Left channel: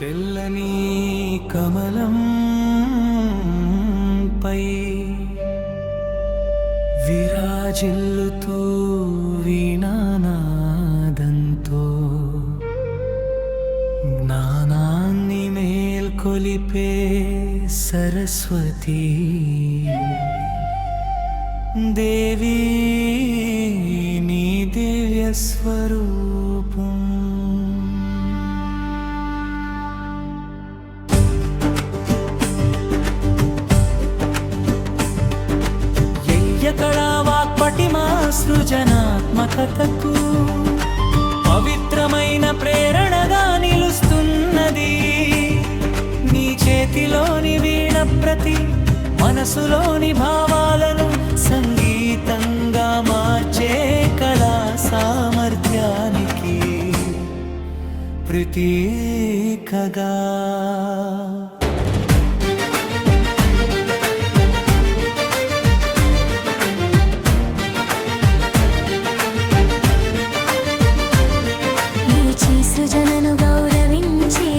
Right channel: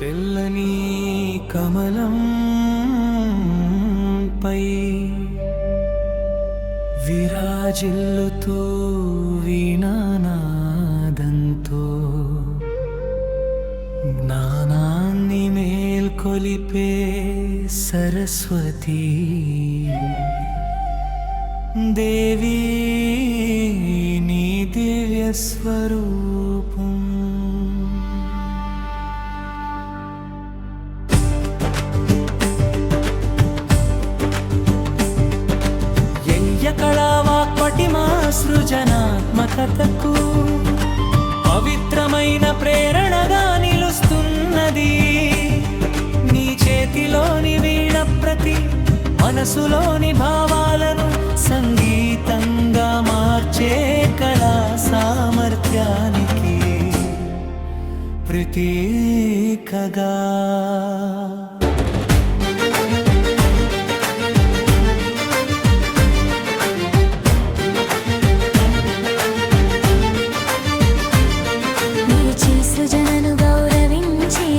తెల్లని కమలం పై విరాజిల్లుతూ వీణానాదంతో జ్ఞానాన్ని మేల్కొలిపే సరస్వతి దేవి నీ దివ్య స్వరూపం కళా వాక్పటిమా సృజనాత్మకతకు పవిత్రమైన ప్రేరణగా నిలుస్తున్నది. నీ చేతిలోని వీణ ప్రతి మనసులోని భావాలను సంగీతంగా మార్చే కళా సామర్థ్యానికి ప్రతీకగా సృజనను గౌరవించే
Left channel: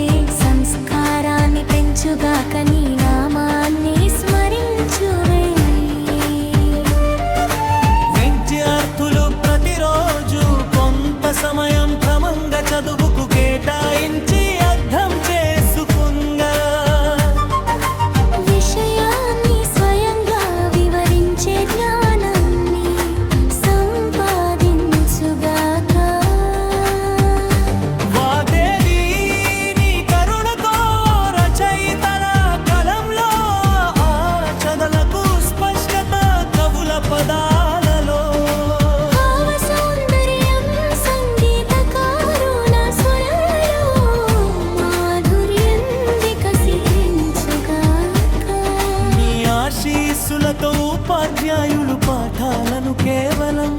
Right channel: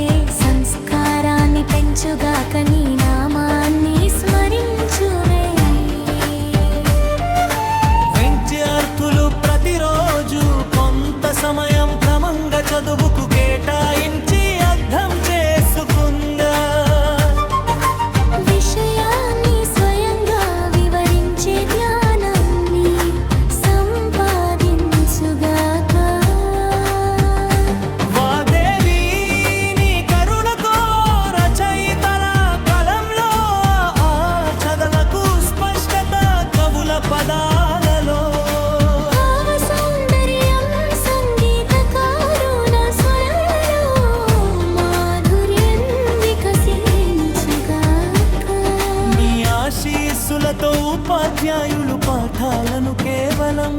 సంస్కారాన్ని పెంచుగాక నీ నామాన్ని స్మరించువే. విద్యార్థులు ప్రతిరోజు కొంత సమయం క్రమంగా చదువుకు కేటాయించి అర్థం చేసుకుందా విషయాన్ని స్వయంగా వివరించే జ్ఞానాన్ని సంపాదించుగాక. పదాలలో భావ సౌందర్యం సంగీతకారుల స్వరంలో మాధుర్యం వికసించుగాక. నీ ఆశీస్సులతో ఉపాధ్యాయులు పాఠాలను కేవలం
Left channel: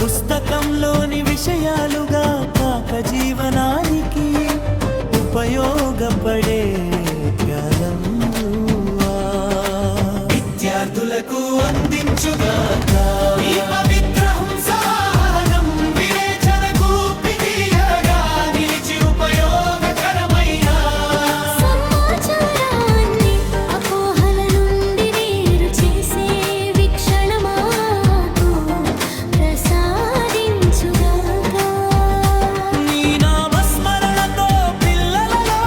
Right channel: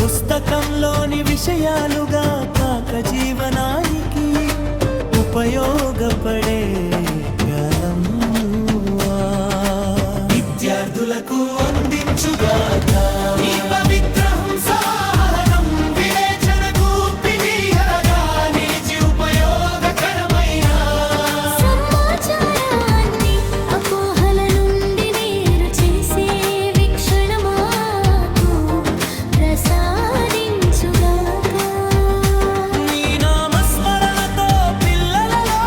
పుస్తకంలోని విషయాలుగా కాక జీవనానికి ఉపయోగపడే కాలం విద్యార్థులకు అందించుగాక. ఈ పవిత్ర హంసాహనం వివేచనకు పిడియగా నిలిచి ఉపయోగకరమైన సమాచారాన్ని అపోహల నుండి వేరు చేసే వీక్షణ మాకు ప్రసాదించుగాక. నీ నామస్మరణతో పిల్లలలో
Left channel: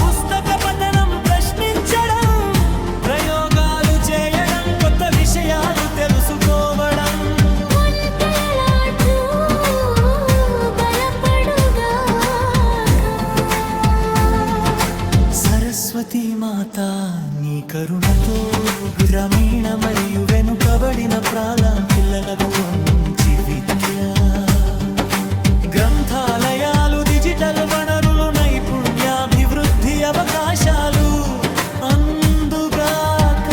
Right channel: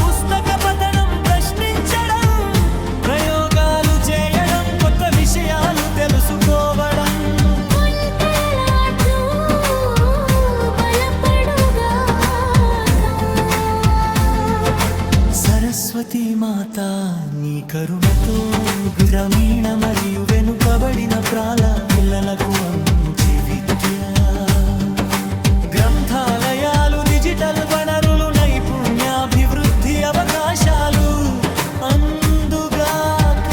పుస్తక పఠనం ప్రశ్నించడం ప్రయోగాలు చేయడం కొత్త విషయాలు తెలుసుకోవడం వంటలాట్లు బలపడుగాక. సరస్వతి మాత నీ కరుణతో గ్రామీణ మరియు వెనుకబడిన పిల్లలకు మంచి విద్య గ్రంథాలయాలు డిజిటల్ వనరులు నైపుణ్యాభివృద్ధి అవకాశాలు అందుగాక.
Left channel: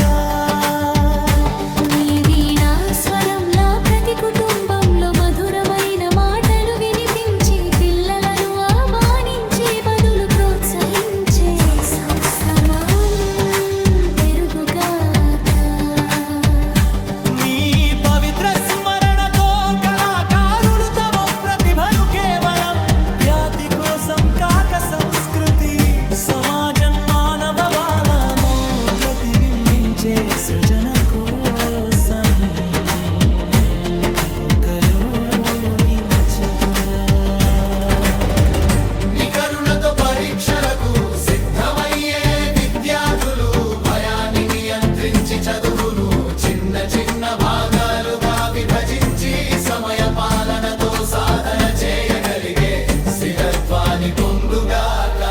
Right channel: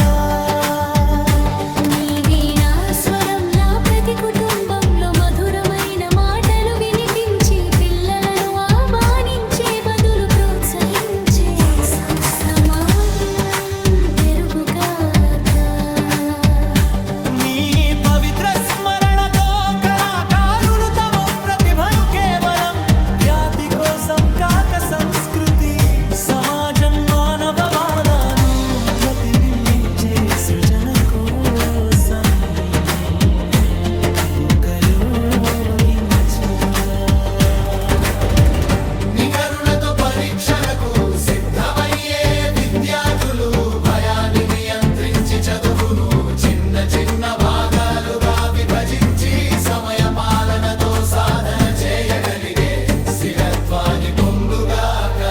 నీ వీణా స్వరంలా ప్రతి కుటుంబంలో మధురమైన మాటలు వినిపించి పిల్లలను ఆహ్వానించే బదులు ప్రోత్సహించే సంస్థమం పెరుగుగాక. నీ పవిత్ర స్మరణతో కళాకారులు తమ ప్రతిభను కేవలం ఖ్యాతి కోసం కాక సంస్కృతి సమాజం మానవ బాలను ప్రతిబింబించే సృజన కోసం ఉపయోగించుగా. నికరుణతో పరీక్షలకు సిద్ధమయ్యే విద్యార్థులు భయాన్ని నియంత్రించి చదువును చిన్న చిన్న భాగాలుగా విభజించి సమయ పాలనతో సాధన చేయగలిగే స్థిరత్వాన్ని పొందుగాక.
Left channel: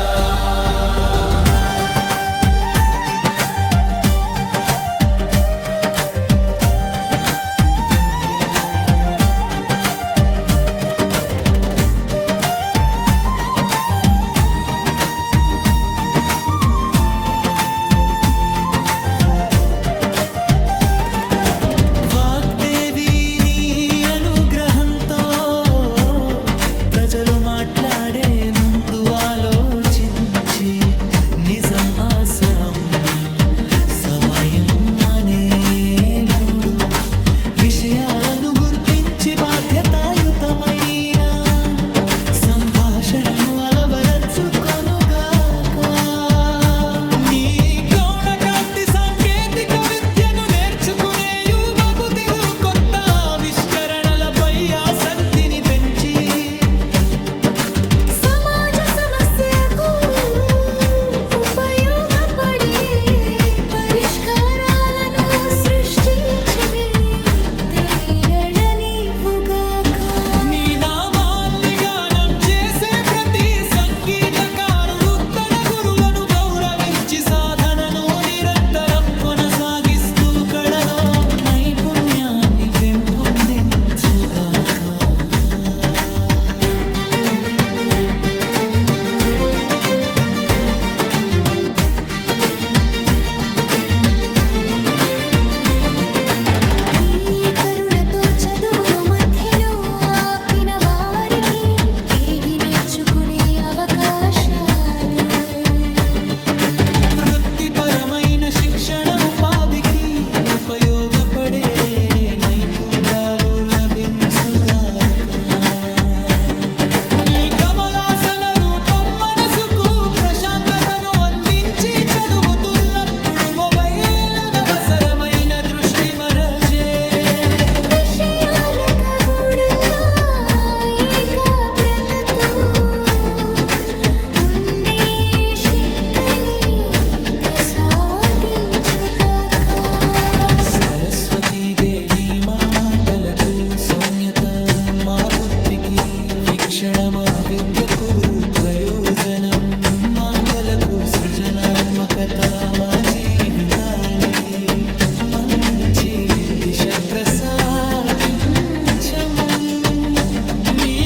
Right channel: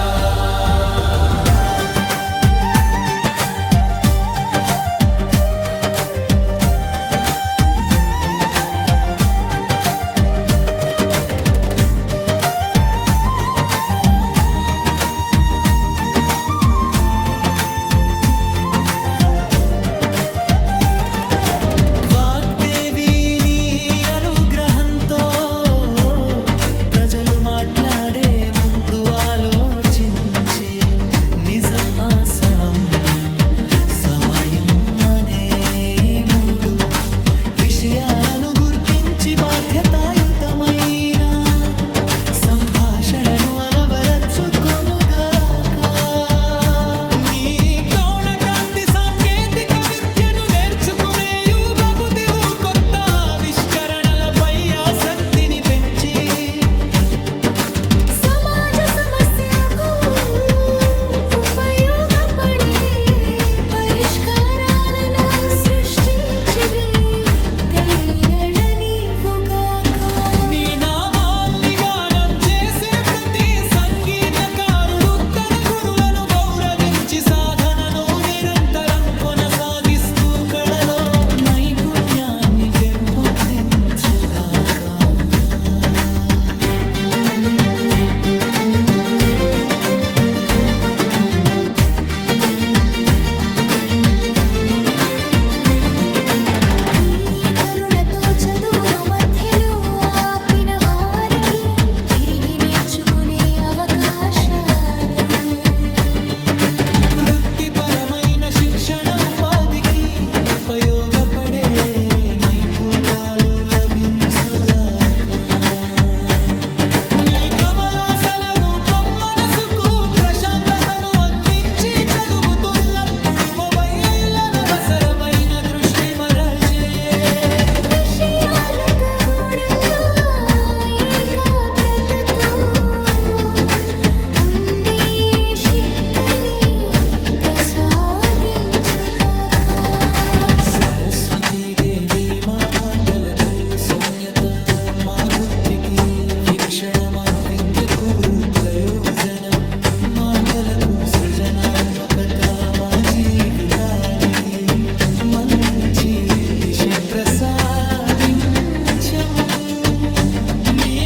ప్రజలు మాట్లాడే ముందు ఆలోచించి నిజం ఆసం సమయం అనే మూడు విషయాలను గుర్తించి బాధ్యతాయుతమైన సంభాషణను అలవరచుకొనుగాక. శిక్షణ ఉపాధికి ఉపయోగపడే నైపుణ్యాలు లభించుగాక నీ కమలాసన రూపం మనసుకు ప్రశాంతతను అందించి చదువుతున్నప్పుడు మొబైల్ అనవసరమైన దృష్టి మరజే విషయాలకు గూఢంగా ఏకాగ్రతతో ఉండే శక్తిని ప్రసాదించుగాక సరస్వతీ దేవి మా మాటలకు సౌమ్యత మా బుద్ధికి వీక్షణ మా విద్యకు ప్రయోజనం మా కలకు సృజనాత్మకత మా జీవితానికి మంచి దిశ ప్రసాదించము నీ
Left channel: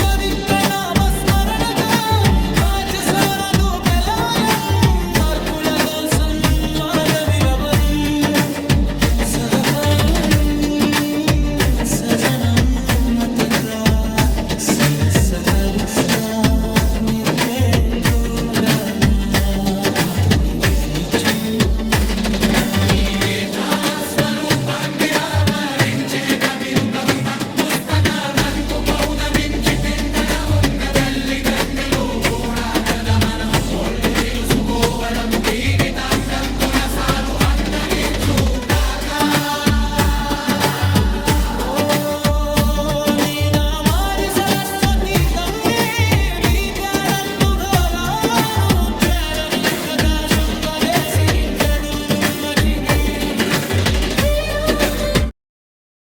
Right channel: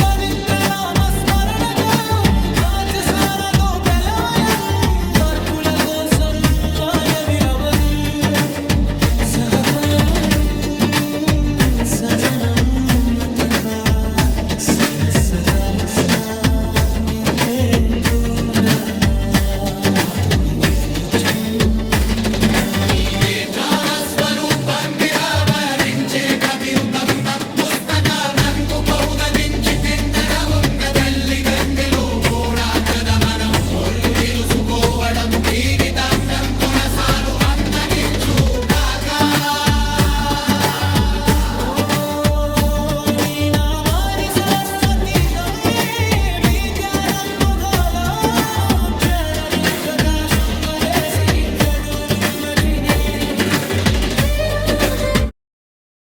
పవిత్ర నామ స్మరణకు వాచస్వరదు పెలాలం వర్కుల కోసం వాదవిలవను సహపం సజనం మతకా సనసకరిస్తా నితే పురాణ